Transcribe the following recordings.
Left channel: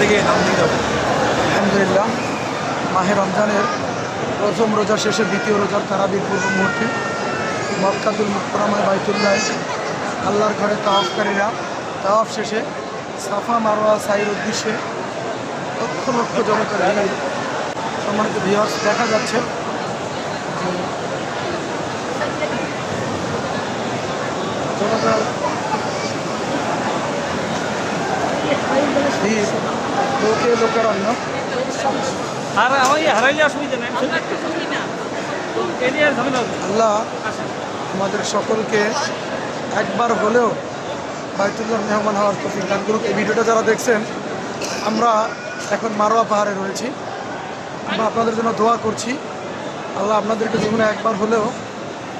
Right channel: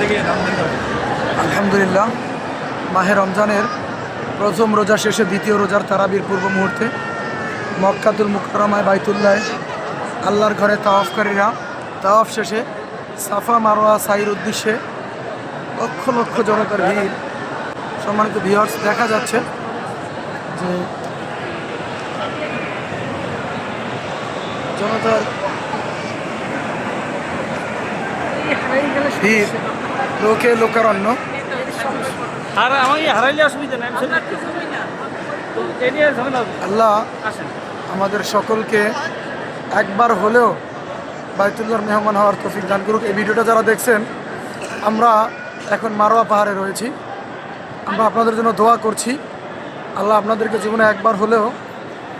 থেকে নাম দিয়ে যাবো। আলহামদুলিল্লাহ, মাহে রমজানের প্রথম রোজা শেষে দ্বিতীয় রোজার তারাবির পূর্ব মুহূর্তে মক্কাতুল মুকাররমায় বাইতুল্লাহ আল্লাহর ঘরে তাওয়াফকারীরা তাওয়াফ শেষে সাফা মারওয়া সাইর উদ্দেশ্যে লক্ষ লক্ষ জনতার ভিড়। সম্মানিত ভিউয়ার্স, দেখা যাচ্ছে যে জনতার ভিড়, লোকে লোকারণ্য। আর আমার হারাইলে অসুবিধা নেই, আল্লাহ আমাদের সকলকে একবার হলেও বাইতুল্লাহর মেহমান হওয়ার তৌফিক দান করুক। এই ভিডিওটা যারা দেখছেন, আমরা এখন মারোয়া পাহাড়ে রয়েছি। আমরা আপনাদের জন্য দোয়া করছি, আল্লাহ আপনাদেরকে জীবনে একবার হলেও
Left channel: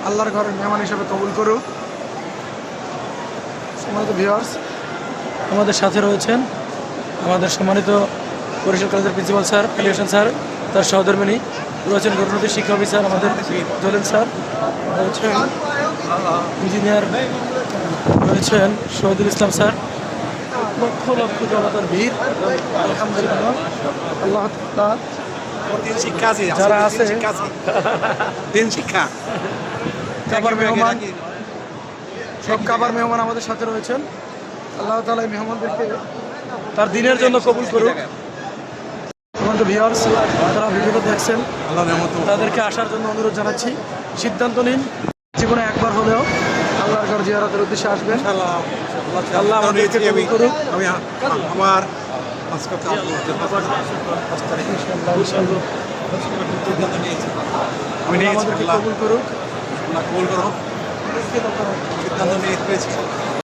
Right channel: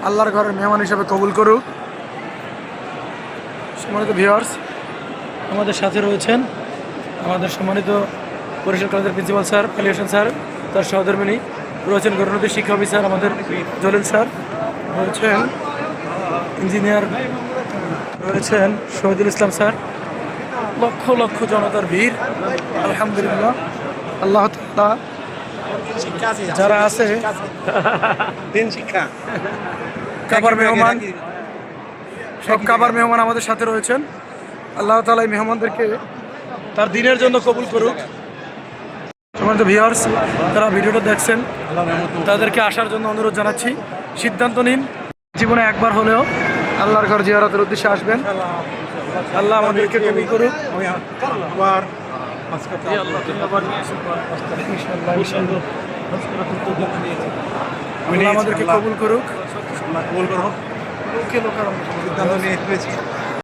আল্লাহর ঘরের মেহমান হিসেবে কবুল করুক। সম্মানিত ভিউয়ার্স, আমাদের সাথে রয়েছেন আমাদের সম্মানিত বরিশাল কলেজের principal sir Ali Hossain sir, তার সহধর্মিণী রয়েছেন গণনৈতিক শিক্ষা অফিসার আমাদের জলিল স্যার, রয়েছেন ইঞ্জিনিয়ার, রয়েছেন শহীদুল ইসলাম স্যার। লক্ষ লক্ষ জনতার ভিড়। আলহামদুলিল্লাহ, আল্লাহ তাআলা যারা আছে শিক্ষা কাবার মেহমান, সব কাবার মেহমান আমাদের সাথে রয়েছেন। আল্লাহ তাআলা এই মেহমানদেরকে তার দিনের জন্য কবুল করুক। আমাদের ভিউয়ার্স যারা ভিডিওটা দেখছেন, তাদেরকে আসার জন্য অনুরোধ জানাচ্ছি। সিদ্ধান্ত নিন, জীবনে একবার হলেও আল্লাহর ঘর জিয়ারতের উদ্দেশ্যে আসবেন। আল্লাহ আমাদেরকে কবুল করুক। আমি আমার আল্লাহ আমাদেরকে কবুল করুক। কবুল করো, সিদ্ধান্ত নিয়েছি।